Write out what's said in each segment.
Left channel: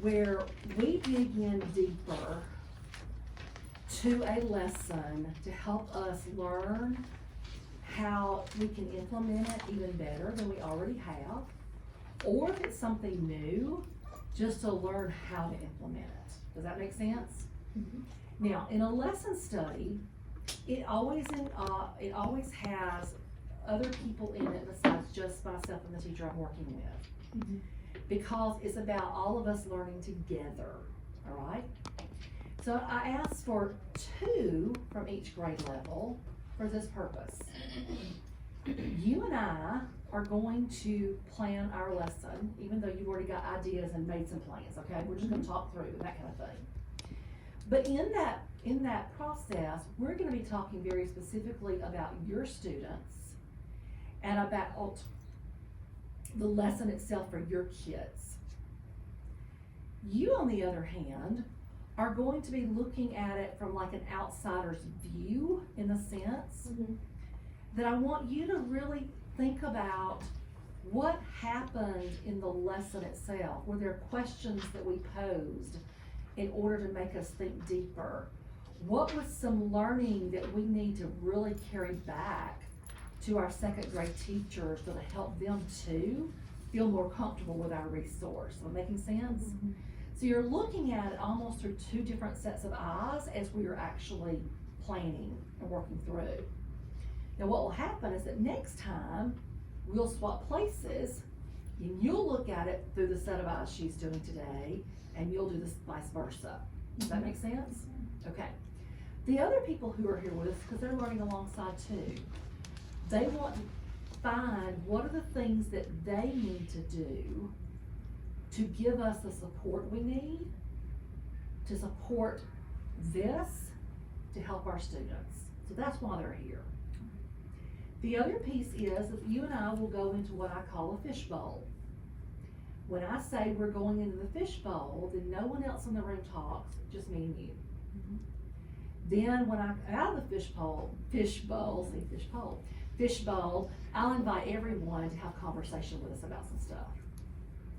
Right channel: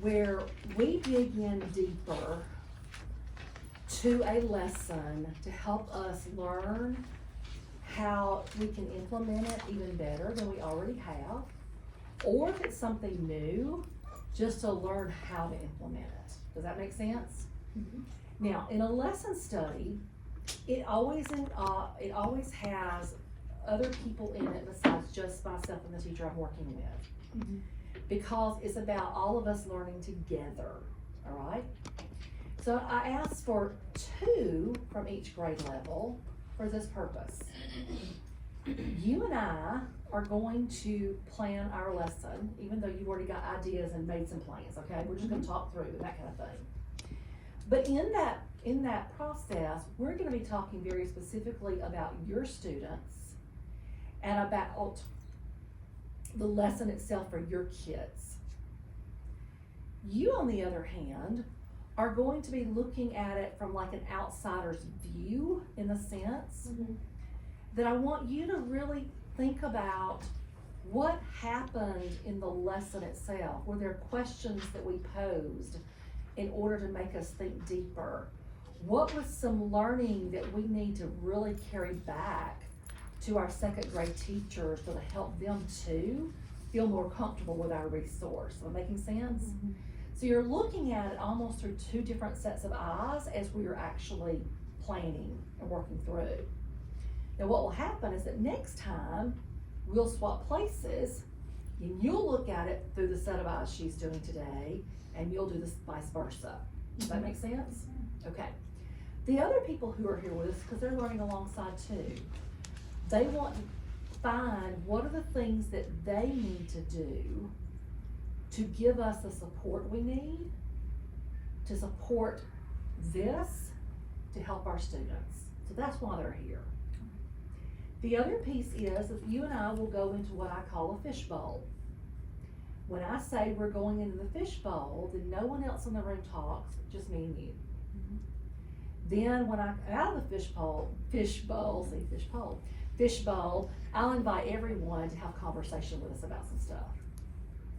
where we dig in deeper to a lesson to help us learn how we can implement it even better than we already have, or if it's something new, just to learn how to implement it. Does that make sense? Mhm. Now, in a lesson study, it always has other people in it besides just myself and the teacher I'm working with. Mhm. Because it's about all of us learning together, all right? So I asked for 2 from each grade level for this purpose. You and I are going to plan our lesson, even though you've already got ideas and made some plans, okay? We're just gonna talk through and that kind of thing. But in that process, we're gonna be talking very specifically about your students and about the lesson itself for your kids. You, on the other hand, are going to be looking at it from like an outsider's view, in a sense, Mhm. that I want you to really think about what happened in the lesson itself. Were there questions that we posed in order to make us think deeper? What was some learning that we need to really carry back to our second grade teachers to help them too feel more comfortable with our resource? Am I making sense? Mhm. So you're looking at it almost through 2 different sets of eyes as we are actually planning and working through. Now what will happen is that next time we'll swap places and you'll look at it through the set of eyes she's doing today and you'll do this vice versa. Does that make sense? Okay. The other people who are here with us, because they're learning alongside too, they want to find what are the things that they need to do to give us the support we need to support this to help our students. So that's why they're here. The other piece is that you and I will go into what I call a fishbowl. When I say we're going into the fishbowl, then no one else in the room talks, just me and you. Mhm. Then when I'm out of the fishbowl, I'll invite everyone to have conversation with us about some stuff.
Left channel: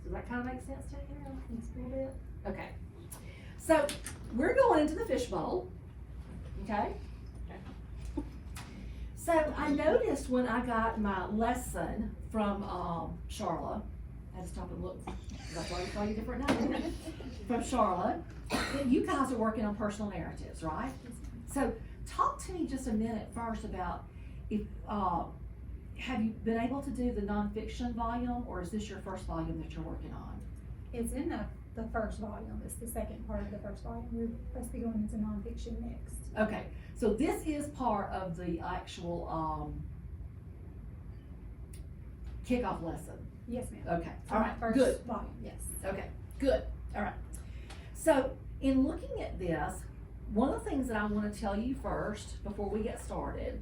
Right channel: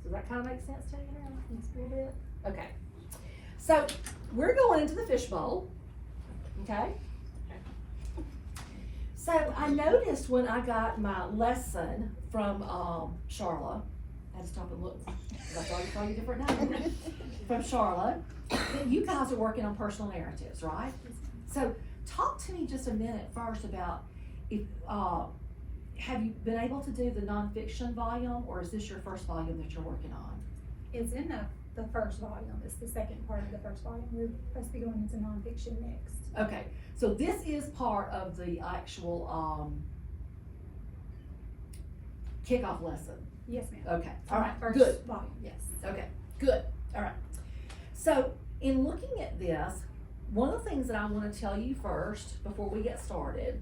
Does that kind of make sense to you now? That's a little bit. Okay. So we're going into the fishbowl, okay? So I noticed when I got my lesson from Charlotte, I had to stop and look, because I thought I'd call you different names, from Charlotte, you guys are working on personal narratives, right? So talk to me just a minute first about if, have you been able to do the nonfiction volume, or is this your first volume that you're working on? It's in the first volume. It's the second part of the first volume. We're supposed to be going into nonfiction next. Okay, so this is part of the actual kickoff lesson. Yes, ma'am. Okay, all right, First good. volume, yes. Okay, good, all right. So in looking at this, one of the things that I want to tell you first before we get started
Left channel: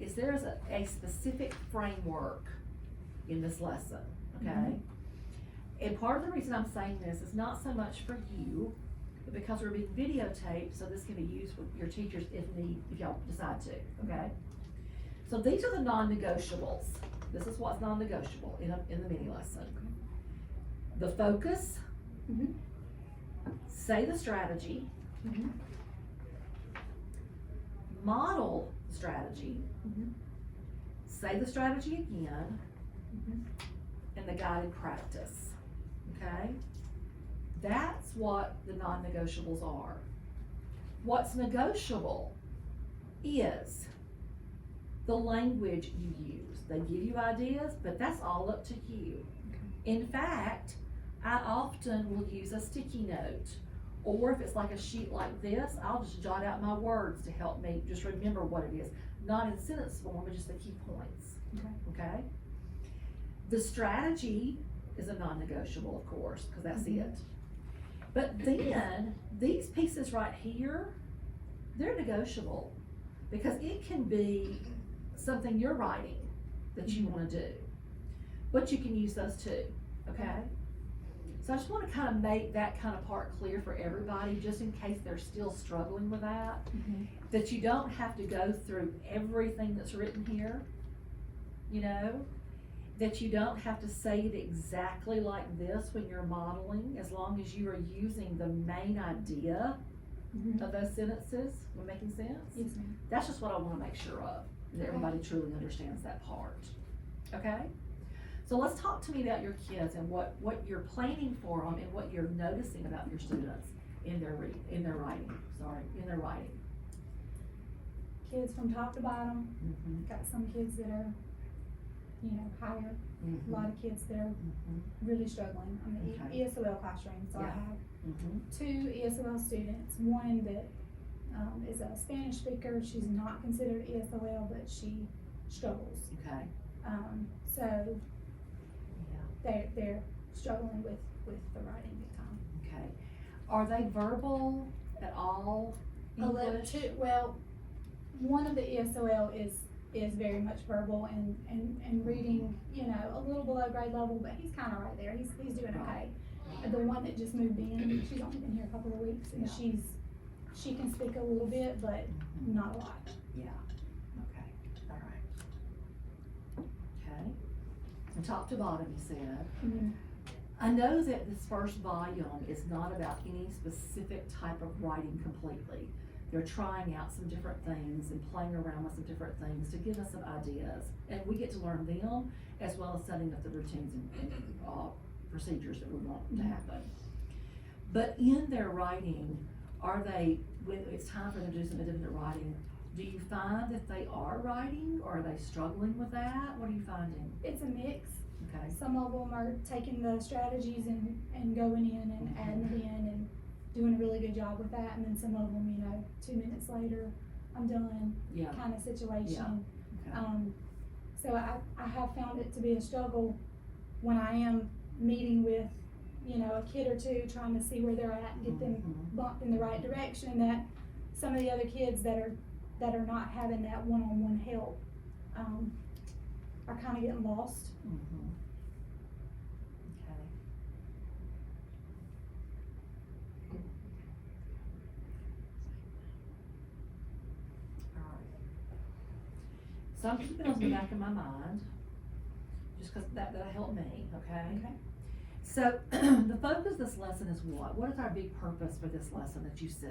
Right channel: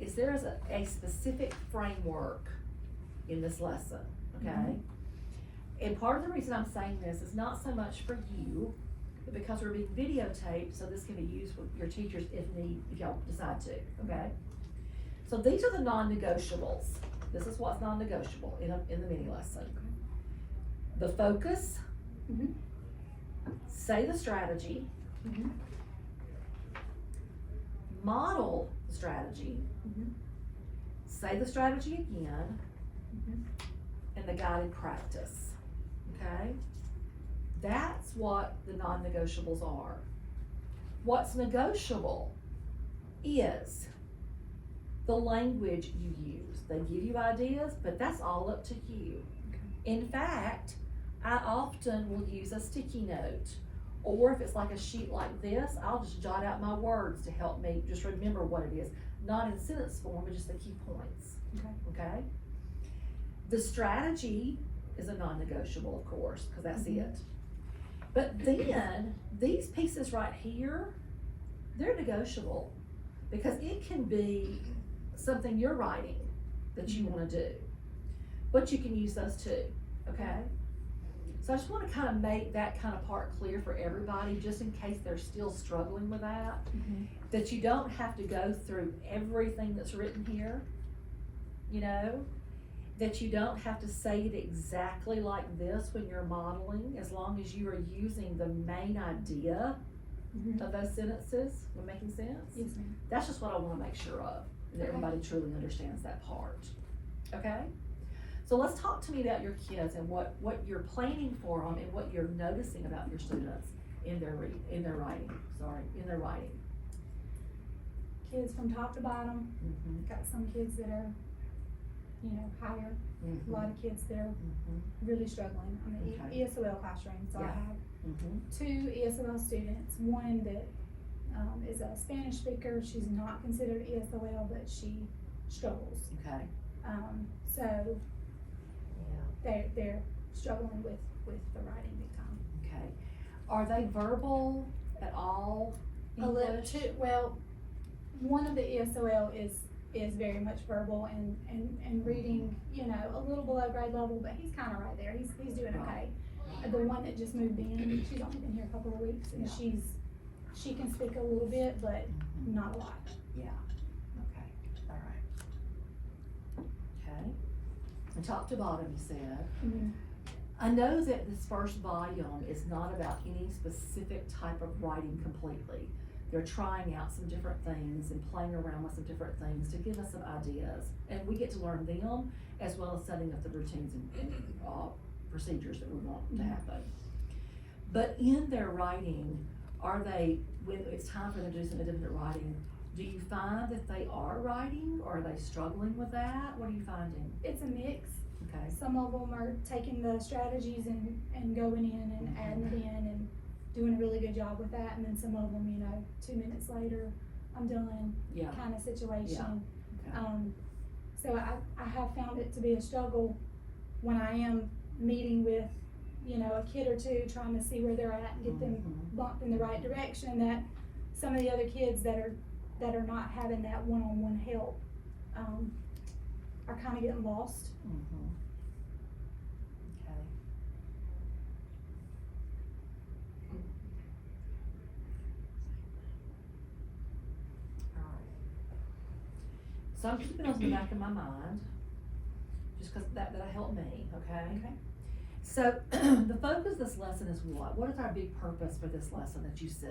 is there's a specific framework in this lesson, okay? Mhm. And part of the reason I'm saying this is not so much for you, but because we're being videotaped, so this can be used with your teachers if y'all decide to, okay? So these are the non-negotiables. This is what's non-negotiable in the mini lesson. The focus, Mhm. say the strategy, Mhm. model the strategy, Mhm. say the strategy again, Mhm. and the guided practice, okay? That's what the non-negotiables are. What's negotiable is the language you use. They give you ideas, but that's all up to you. In fact, I often will use a sticky note, or if it's like a sheet like this, I'll just jot out my words to help me just remember what it is. Not in sentence form, but just the key points, okay? The strategy is a non-negotiable, of course, because that's it. But then, these pieces right here, they're negotiable, because it can be something you're writing that you want to do, but you can use those too, okay? So I just want to kind of make that kind of part clear for everybody, just in case they're still struggling with that, that you don't have to go through everything that's written here, you know? that you don't have to say it exactly like this when you're modeling, as long as you are using the main idea Mhm. of those sentences. Am I making sense? Yes, ma'am. That's just what I wanna make sure of, that everybody truly understands that part, okay? So let's talk to me about your kids and what you're planning for them and what you're noticing about your students in their writing. Kids from top to bottom. Mm-hmm. Got some kids that are, higher. Mm-hmm. A lot of kids that are Mm-hmm. really struggling on the Okay. ESOL classroom. So I Yeah. have Mm-hmm. 2 ESOL students. One that is a Spanish speaker. She's not considered ESOL, but she struggles. Okay. So Yeah. they're struggling with the writing big time. Okay. Are they verbal at all? A little English? too, well, one of the ESOL is very much verbal and reading, a little below grade level, but he's kinda right there, he's doing okay. The one that just moved in, she's only been here a couple of weeks, and Yeah. she can speak a little bit, but not a lot. Yeah. Okay. All right. Okay. And top to bottom, you said. I know that this first volume is not about any specific type of writing completely. They're trying out some different things and playing around with some different things to give us some ideas. And we get to learn them as well as setting up the routines and procedures that we want to happen. But in their writing, when it's time for them to do some independent writing, do you find that they are writing or are they struggling with that? What are you finding? It's a mix. Okay. Some of them are taking the strategies and going in and adding it in and doing a really good job with that, and then some of them, 2 minutes later, I'm done, Yeah. kind of situation. Okay. So I have found it to be a struggle when I am meeting with, a kid or two, trying to see where they're at and get them Mhm. bumped in the right direction, that some of the other kids that are not having that one-on-one help, are kind of getting lost. Mhm. Okay. All right. So I'm keeping those in the back of my mind, just because that'll help me, okay? Okay. So the focus of this lesson is what? What is our big purpose for this lesson that you see?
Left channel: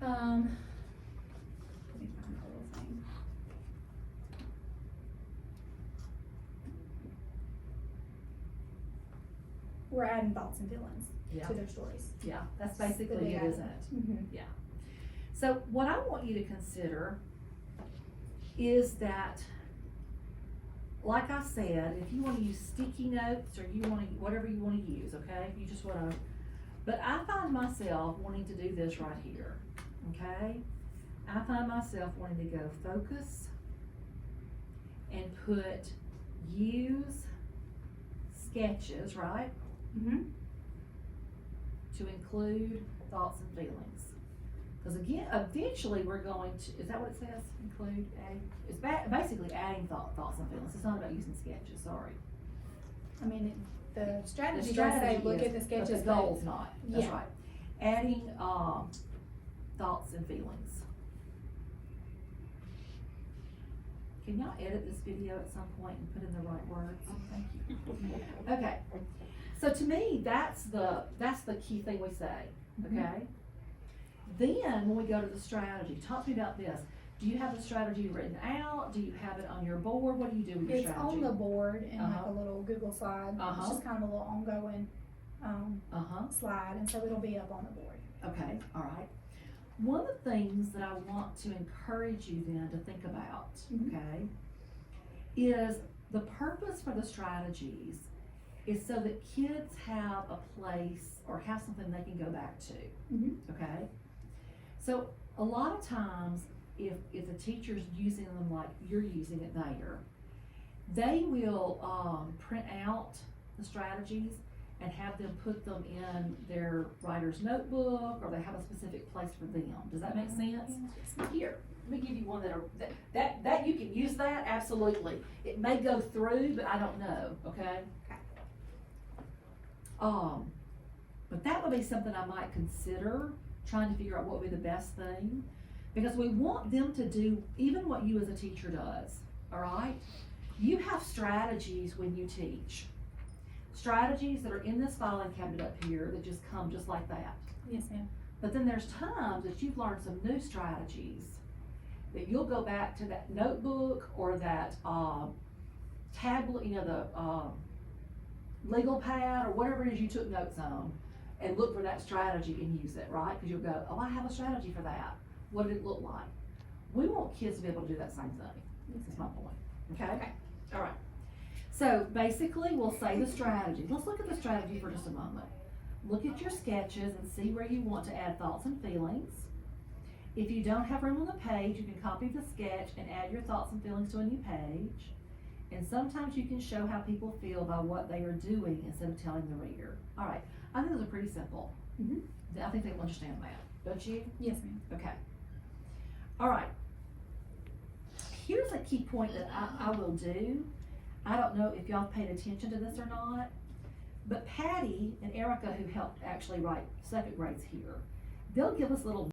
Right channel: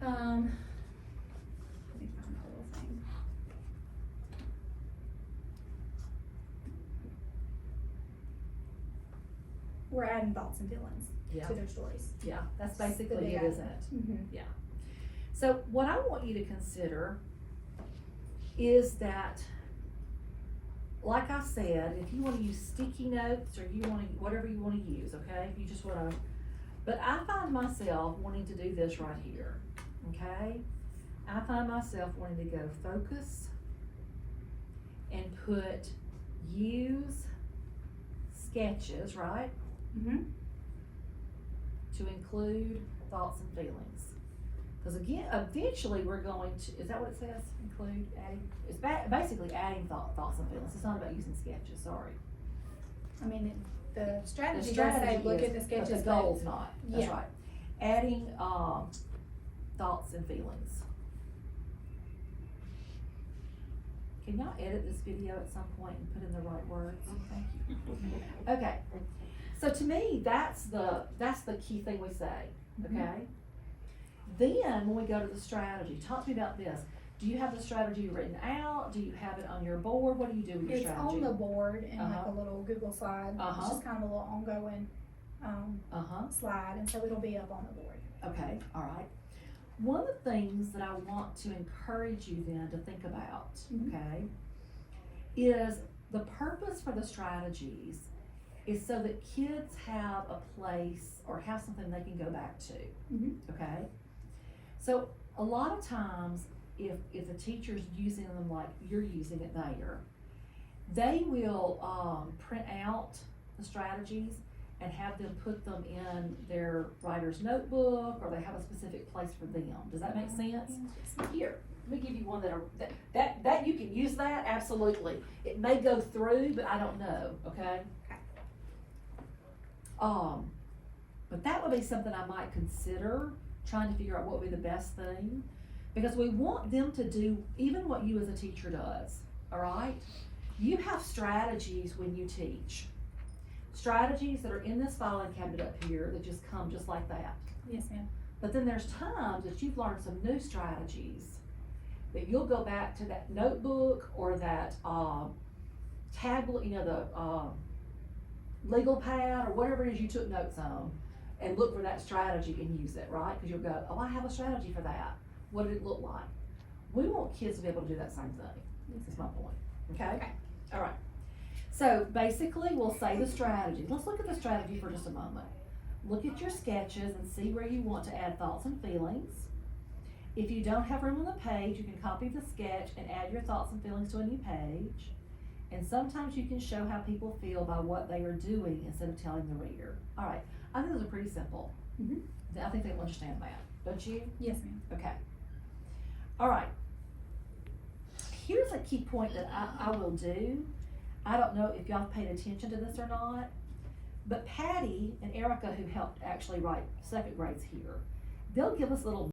Let me find my little thing. We're adding thoughts and feelings Yeah. to their stories. Yeah, that's The basically way it, I- isn't it? Mm-hmm. So what I want you to consider is that, like I said, if you wanna use sticky notes or whatever you wanna use, okay? If you just wanna, but I find myself wanting to do this right here, okay? I find myself wanting to go focus and put use sketches, right? Mm-hmm. To include thoughts and feelings. Because again, eventually we're going to, is that what it says? Include, adding? It's basically adding thoughts and feelings. It's not about using sketches, sorry. I mean, the The strategy does strategy say look is, at the sketches, but the goal's not, that's Yeah. right. Adding, thoughts and feelings. Can y'all edit this video at some point and put in the right words? Thank you. Okay, so to me, that's the key thing we say, okay? Then, when we go to the strategy, talk to me about this. Do you have the strategy written out? Do you have it on your board? What do you do with your It's strategy? on the board in like Uh-huh. a little Google slide. It's Uh-huh. just kind of a little ongoing slide, and so it'll be up on the board. Okay, all right. One of the things that I want to encourage you then to think about, Mhm. okay, is the purpose for the strategies is so that kids have a place or have something they can go back to, Mhm. okay? So a lot of times, if the teacher's using them like you're using it there, they will print out the strategies and have them put them in their writer's notebook, or they have a specific place for them. Does that make sense? Here, let me give you one that you can use that, absolutely. It may go through, but I don't know, okay? But that would be something I might consider, trying to figure out what would be the best thing. Because we want them to do even what you as a teacher does, all right? You have strategies when you teach. Strategies that are in this filing cabinet up here that just come just like that. Yes, ma'am. But then there's times that you've learned some new strategies that you'll go back to that notebook or that tablet, you know, the legal pad or whatever it is you took notes on, and look for that strategy and use it, right? Because you'll go, oh, I have a strategy for that. What did it look like? We want kids to be able to do that same thing. That's my point. Okay? Okay. All right. So basically, we'll say the strategy. Let's look at the strategy for just a moment. Look at your sketches and see where you want to add thoughts and feelings. If you don't have room on the page, you can copy the sketch and add your thoughts and feelings to a new page. And sometimes you can show how people feel by what they are doing instead of telling the reader. All right, I think those are pretty simple. I think they'll understand that, don't you? Yes, ma'am. Okay. All right. Here's a key point that I will do. I don't know if y'all paid attention to this or not, but Patty and Erica, who helped actually write second grades here, they'll give us little